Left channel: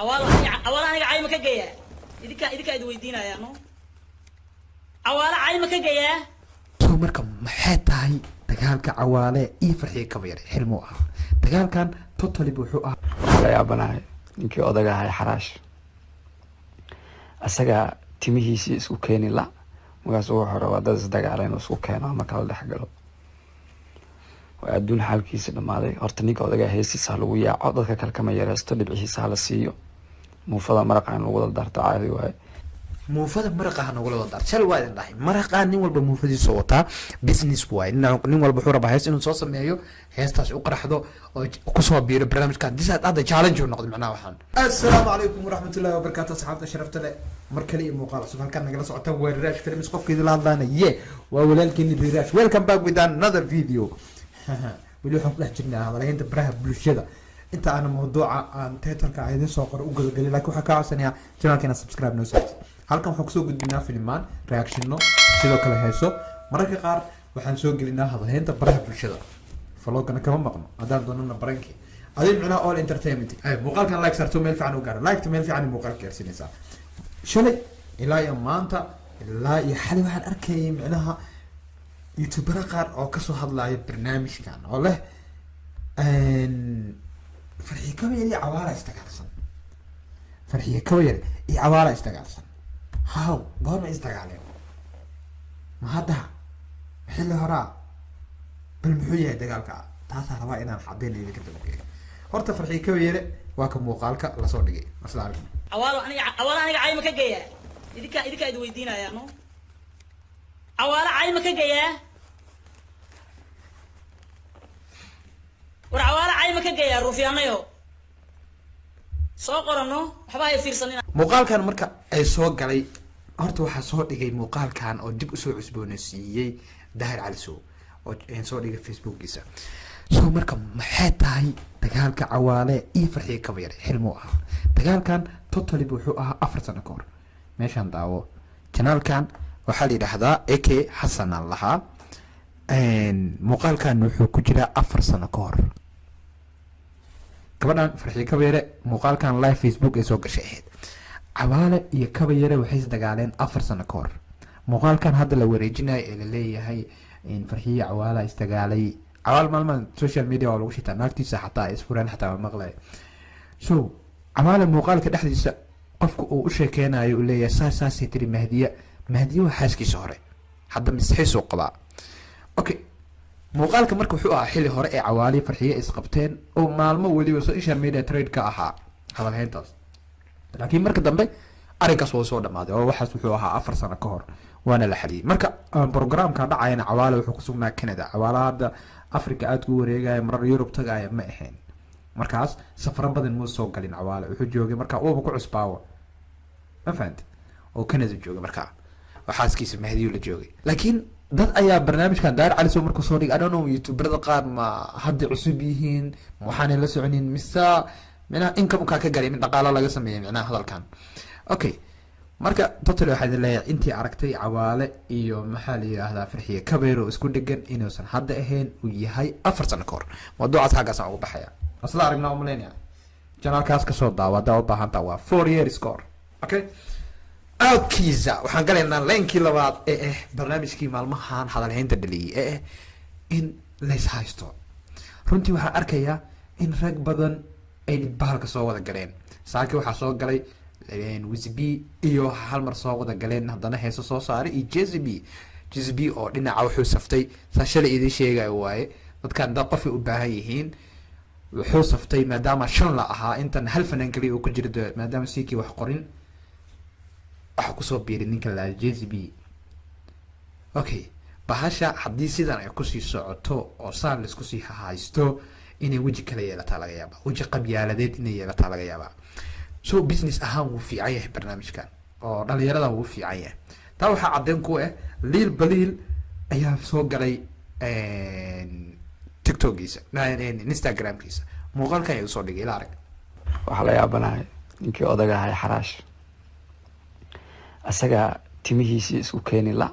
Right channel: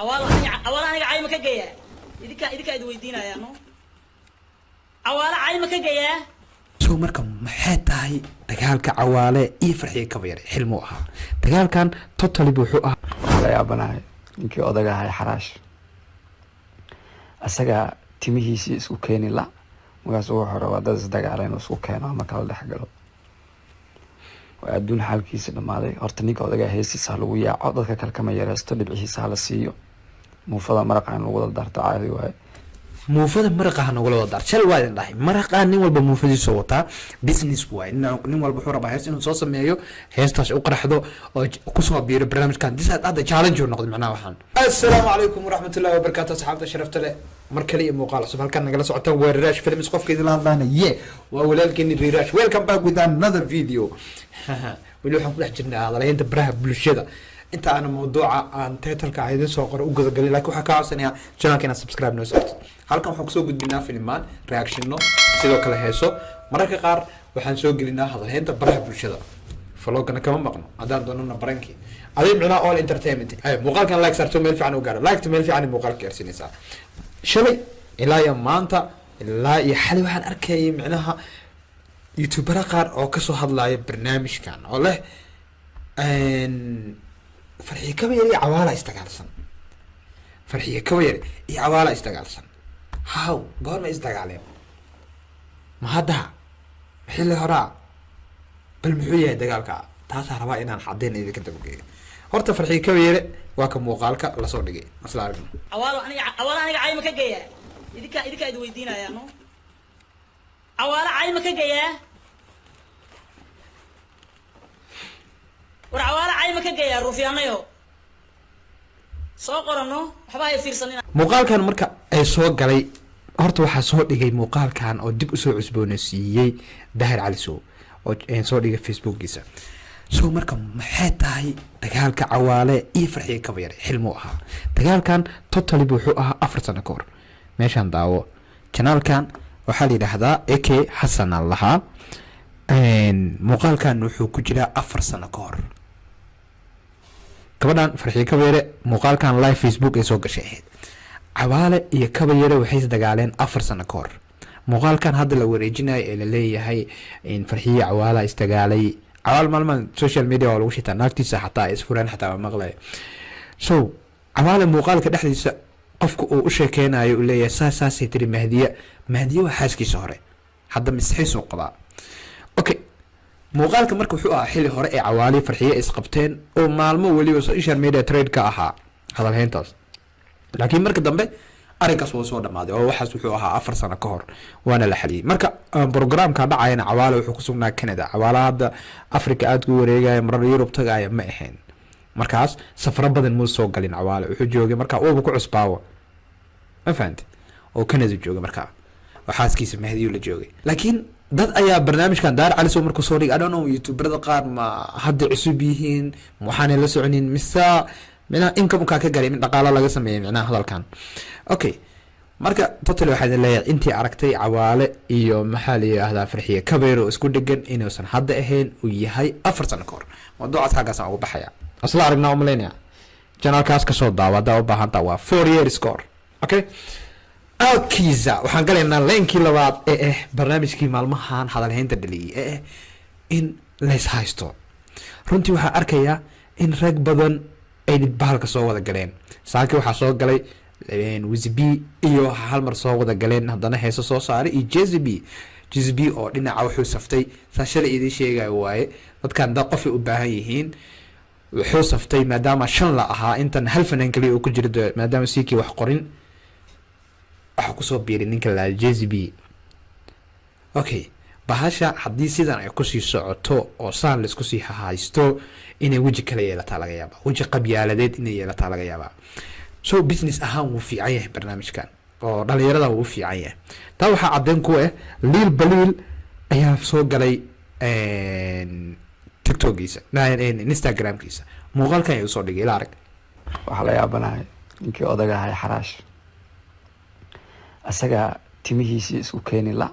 أولا أنا عايمة كجيا إذا إذا ويدينا يا نو أولا عايمة كجيا soo marka maxay tahay dagaalka cawaale iyo farxiye kaba yar xilmo aha dagaalkan totally wuxuu ah waxaa la yaabanahay ninkii odaga ahay xaraash asaga timihiisii isku keeni la markaas wuxuu rabaa dad isdagaaleen oo isku keeno ama kala dhex galo waa adduun xaalkiisa dhammaaday horta ninka odaga heesiisa lagu yaaco dadka kale kama yareysto dhibcihiisa hala siiyo muufada maraqa in lagu dardarto caadi waaye muufada maraqa nagula wada shal waa idin dhahay maraqa nin walba muufadiisa wataa business way nin walba wuxuu rabaa hees inuu soo sameeyo heestaas u qaraxdo oo ku soo biiro barnaamijkan disaad hadda challenge uu noqdo macnaha waxaan assalaamu calaykum waraxmatullaahi wabarakaatu asxaabta sharafta leh mar kale iyo muuqaal cusub halkan nagala socota waa Rirash Films qofkeedii la hadlaanaya waa walaalkeeni Rirash welcome back with another video weli waxaan ku dhex jirnaa hadalaynta baraha bulshada inta aan mawduuca aan title-ka idin soo qoro u gudagaliyo laakiin waxaa ka codsanayaa channelkeena subscribe noo saarto halkan waxaan kusoo gudbinaa filmaan reactionno sidoo kale heeso mararka qaar waxaan soo gelinaa hadalaynta baraha bulshada vlogana kama maqno haddaan doonana barankii aday micnaa all entertainment ay muuqaalkan like sarto meel fiican u gaaro like to meel fiican muuqaalka gaarsiinaysaa shalay ilaa iyo maanta ilaa iyo xalay waxaan arkayay micnaha youtubera qaar oo kasoo hadlaya barnaamijkan oo leh farxiye kaba yar iyo cawaala isdagaalsan farxiye kaba yar iyo cawaala isdagaalsan haw goorma isdagaaleen ma hadda xilli horaa bal muxuu yahay dagaalka taasaa rabaa inaan caddeyn idinka dabageeyo horta farxiye kaba yare waa ka muuqaalka lasoo dhigay asla aragno أولا أنا عايمة كجيا إذا إذا ويدينا يا نو أولا عايمة كجيا وعوالة عايمة كجيا روفيانا يو سوقرنو حبايب فيرسنين muuqaalkan marka ay soo galay horta waxaa soo dhigay muuqaalkan oo dib usoo cusboonaysiiyey Daahir Cali Sow oo soo dhigay facebookiisa soo marka maxay tahay dagaalka cawaale iyo farxiye kaba yar xilmo aha dagaalkan totally wuxuu ahaa 4 sano ka hor meeshan daawo channelkan waxaa la yiraahdaa AK Xasan Allaha muuqaalkan wuxuu ku jiraa 4 sano ka hor gabadhan farxiye kaba yar muuqaalkan live facebook ay soo gashay ahayd cawaale iyo kaba yar waxay isdagaaleen 4 sano ka hor muuqaalkan hadda la wareejinayo ee la leeyahay in farxiye cawaala isdagaalay cawaal maalman social media waa lagu shitaa naagtiisa xataa isfureen xataa maqlay so cawaale muuqaalka dhexdiisa qofku uu u sheekeynayo uu leeyahay saasay tiri mahdiye waa xaaskiisa hore hadda misxiisuu qabaa okay muuqaalka marka wuxuu ahaa xilli hore ee cawaali farxiye isqabteen oo maalmo weliba social media trade ka ahaa hadalhayntaas laakiin marka dambe arrinkaas waa soo dhamaaday oo waxaas wuxuu ahaa 4 sano ka hor waana la xaliyay marka programka dhacayna cawaale wuxuu ku sugnaa Canada cawaale hadda Africa aad ku wareegaya marar Europe tagaya ma ahayn markaas safar badan muu soo galin cawaale wuxuu joogay marka uu ku cusbaawo ma fahanti oo Canada joogay marka waxaaskiisa mahdiyo la joogay laakiin dad ayaa barnaamijkan Daahir Cali Sow markuu soo dhigay I don't know youtuberada qaar ma hadda cusub yihiin waxaan la soconin misa mina income ka galay min dhaqaale laga sameeyay macnaha hadalkan okay marka totally waxay leeyahay intii aragtay cawaale iyo maxaa la yiraahdaa farxiye kabeero isku dhigan inuusan hadda ahayn uu yahay 4 sano ka hor mawduucaas xagaas ugu baxaya asla aragnaa u maleynaya channelkaas ka soo daawada u baahanta waa 4 years score okay kiza waxaan galaynaa leenkii labaad ee barnaamijkii maalmahan hadalhaynta dhaliyay in leys haysto runtii waxaa arkayaa in rag badan ay bahalka soo wada galeen saaki waxaa soo galay Wizby iyo hal mar soo wada galeen haddana heeso soo saaray iyo JZB oo dhinaca wuxuu saftay saashada idin sheegay waaye dadkan dad qof u baahan yihiin wuxuu saftay maadaama shan la ahaa intan hal fanaan kaliya uu ku jiro maadaama siikii wax qorin waxa ku soo biiray ninka la JZB okay bahasha haddii sidan ay ku sii socoto oo saan la isku sii haysto inay waji kale yeelataa laga yaabaa waji qabyaaladeed inay yeelataa laga yaabaa so business ahaan wuu fiican yahay barnaamijkan oo dhalinyarada wuu fiican yahay taa waxaa caddeyn ku ah liil baliil ayaa soo galay tiktokiisa instagramkiisa muuqaalkan ayuu soo dhigay ila arag waxaa la yaabanahay ninkii odaga ahay xaraash asaga timihiisii isku keeni la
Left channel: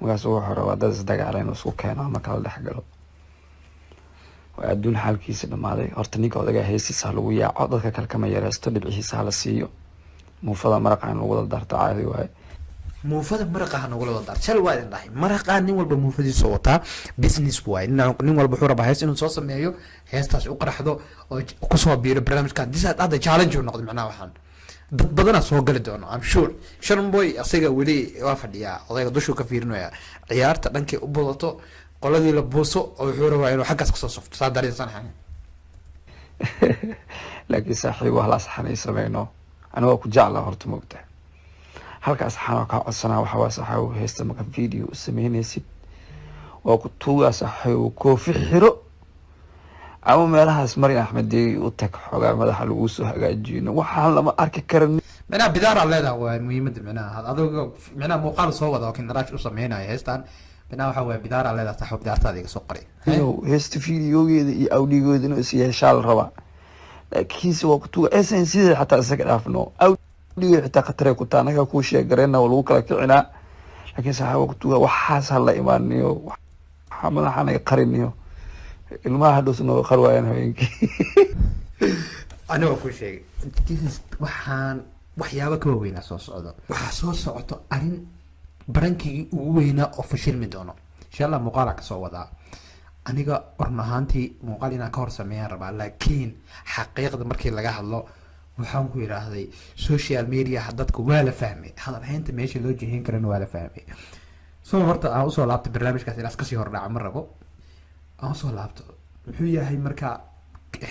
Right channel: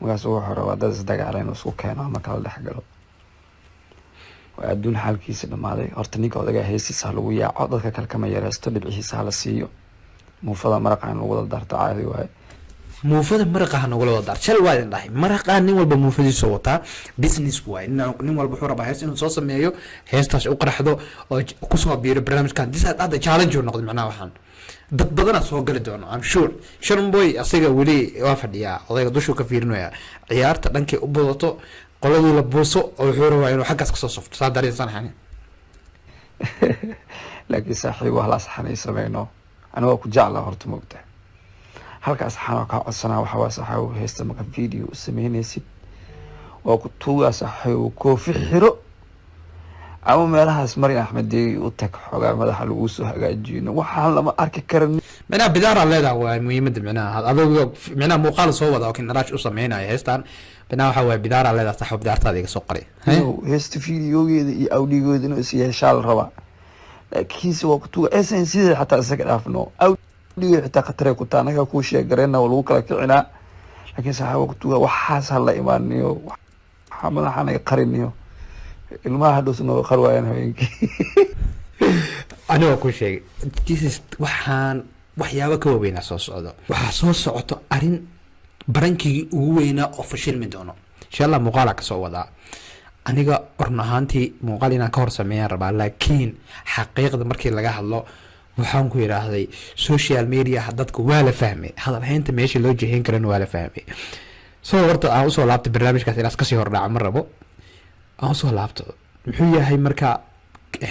markaas wuxuu rabaa dad isdagaaleen oo isku keeno ama kala dhex galo waa adduun xaalkiisa dhamaaday. Horta ninka odagaa heesiisa ha lagu yaaco, dadka kale kama yareysto, dhibcihiisa hala siiyo. Muufada maraqa in lagu wada darto caadi waaye. muufada maraqa nagula wada dar shal waa idin dhahay maraqa nin walba muufadiisa wataa business waay nin walba wuxuu rabaa hees inuu soo sameeyo heestaas u qaraxdo oo kusoo biiro barnaamijkan disaad hadda challenge uu noqdo macnaha waxaan dad badana soo gali doono I'm sure Sharon Boy asiga weli waa fadhiyaa odayga dushu ka fiirinaya ciyaarta dhankay u badato qoladii la buuso oo wuxuu rabaa inuu xaggaas kasoo safto saa dareensan xani laakiin saaxiib wax la saxanay sameeyno aniga ku jeclaa horta moogtaa halkaas xanaa ka codsanaa waxa waa saxaw heesta marka video sameynaysid waa ku tuugaa saxaw koofi xiro ama meelahaas Maryam Axmed u tag xogaa madaxa lagu soo hagaajino waxaan lama arki karin mana bidaara leedahay waa muhiimada macnaha adoo macnaha muuqaal soo wada oo kin raash u sameynaya heestan bina waxa waa bidaara leedahay saxaw bidaartaada iga soo qoray heesta videogeeda iyo audiogeeda inuu is yeeshaal raba laakiin si waa ku tuugaa essence xataa isaga dhaafno audio xitaa khatare ku taanaga ku sheegareena oo lagu kala kicinaa laakiin saxaw ku tuugaa waxaas la imaaniyo waxa madaxana qariniyo ilmaha dhusno qarwayaan habeenkii aniga ku sheegay waxaan waxyaabo ka weyn soo socdo waxa soo socoto arin barankii ugu weynaa oo fashilmi doono insha Allah muuqaal ka soo wadaa aniga orn ahaantii muuqaal inaan ka hor sameeyaan rabaa laakiin xaqiiqda markii laga hadlo waxaan ku yiraahday social media dadku waa la fahmay hadal haynta meesha loo jeehin karana waa la fahmay soo horta aan soo laabtay barnaamijkaas ilaas ka sii hor dhaca ma rabo aan soo laabto wuxuu yahay marka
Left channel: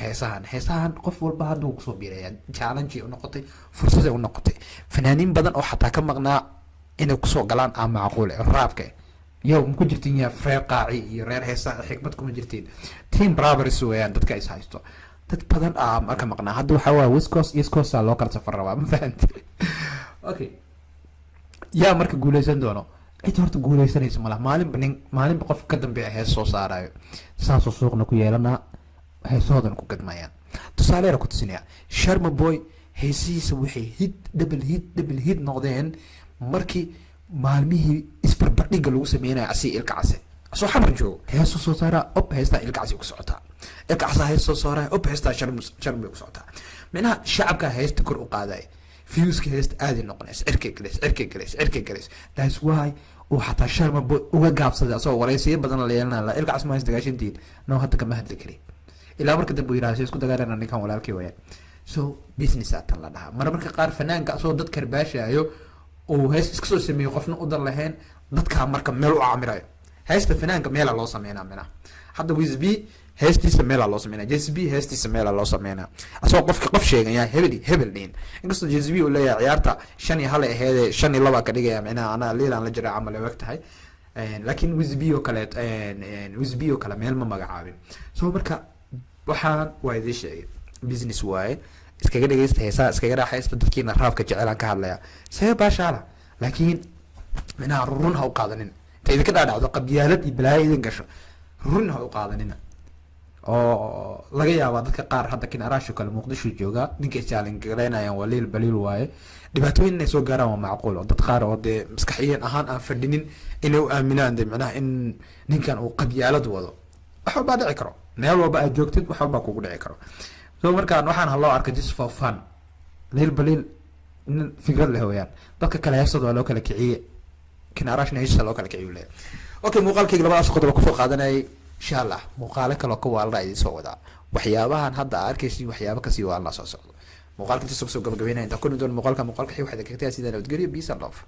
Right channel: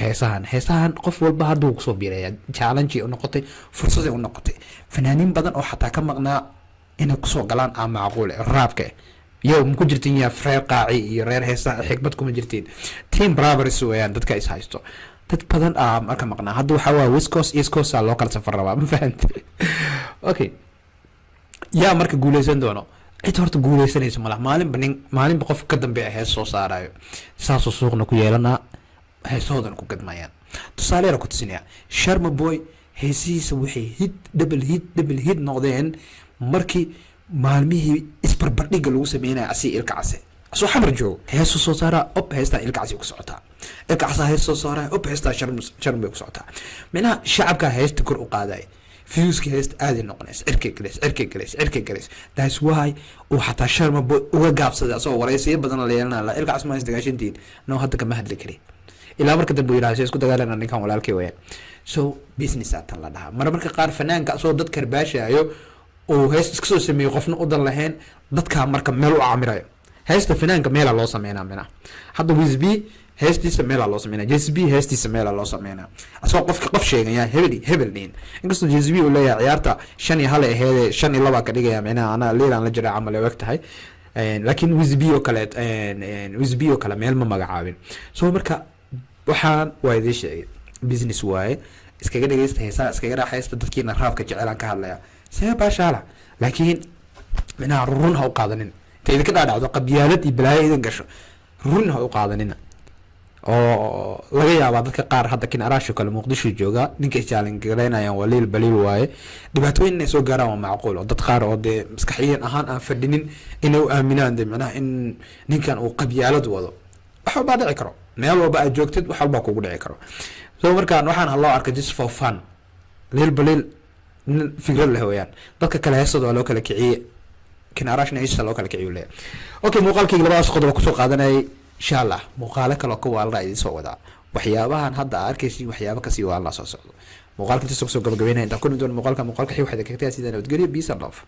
heesahan qof walba haduu ku soo biiraya challenge u noqotay fursad u noqotay fanaaniin badan oo xataa ka maqnaa inay ku soo galaan ama macquul raabka yow ma ku jirtiin ya freer qaaci iyo reer heesaha xigmad kuma jirtiin team brothers weeyaan dadka is haysto dad badan marka maqnaa hadda waxa waa West Coast East Coast loo kala safar rabaa ma fahantay okay yaa marka guuleysan doono cid horta guuleysanaysa malaha maalinba qof ka dambeeya hees soo saarayo saasoo suuqna ku yeelanaa heesoodan ku gadmayaan tusaale yar ku tusinaya Sharma Boy heesihiisa waxay double hit noqdeen markii maalmihii isbarbardhigga lagu sameynaya asi ilka case soo xamar joogo heeso soo saara op heesta ilka case ku socotaa ilka case hees soo saara op heesta Sharma ku socotaa meelaha shacabka heesta kor u qaaday fiyuuska heesta aad noqonays cirkay galeys that's why uu xataa Sharma Boy uga gaabsaday soo wareysiyo badan la yeelanaa ilka case ma heesta gaashintiin noo hadda kama hadli kari ilaa marka dambe yiraahdo isku dagaalana ninkan walaalkay weeyaan so business aatan la dhaha marka qaar fanaanka soo dad karbaashaayo oo hees iska soo sameeyo qofna u dan lahayn dadka marka meel u aamirayo heesta fanaanka meel loo sameeyna mina hadda Wizb heestiisa meel loo sameeyna JSB heestiisa meel loo sameeyna asoo qof sheegaya hebel dhin inkastoo JSB uu leeyahay ciyaarta 5 iyo 1 aheed 5 iyo 2 ka dhigaya mina ana leelan la jira amal waqtahay laakiin Wizb oo kale meel ma magacaabin soo marka waxaan waa idin sheegay business waaye iskaga dhageysta heesaa iskaga raaxaysta dadkiina raabka jecelaan ka hadlaya say baashaala laakiin mina run ha u qaadanin teed ka dhaadhacdo qabyaalad iyo balaayo idin gasho run ha u qaadanin oo laga yaabaa dadka qaar hadda kin araasho kale Muqdisho jooga ninka challenge gareynayaan waliil baliil waaye dhibaatooyin inay soo gaaraan waa macquul dad qaar oo de maskaxiyan ahaan aan fadhinin inay u aaminaan macnaha in ninkan uu qabyaalad wado waxa baa dhici karo meel walba aad joogtid wax walba kugu dhici karo soo markaan waxaan haloo arkay just for fun leel baliil fikrad leh weeyaan dadka kale heesada loo kala kiciye kin araashna heesada loo kala kiciyo leeyahay okay muuqaalkayga labadaas qodob ku soo qaadanay insha Allah muuqaalo kale oo ka waalra idin soo wadaa waxyaabahan hadda arkaysi waxyaabo ka sii waa la soo socdo muuqaalka inta soo gabagabeynaa inta ku doon muuqaalka xii waxda ka taa sidaan nabadgelyo peace and love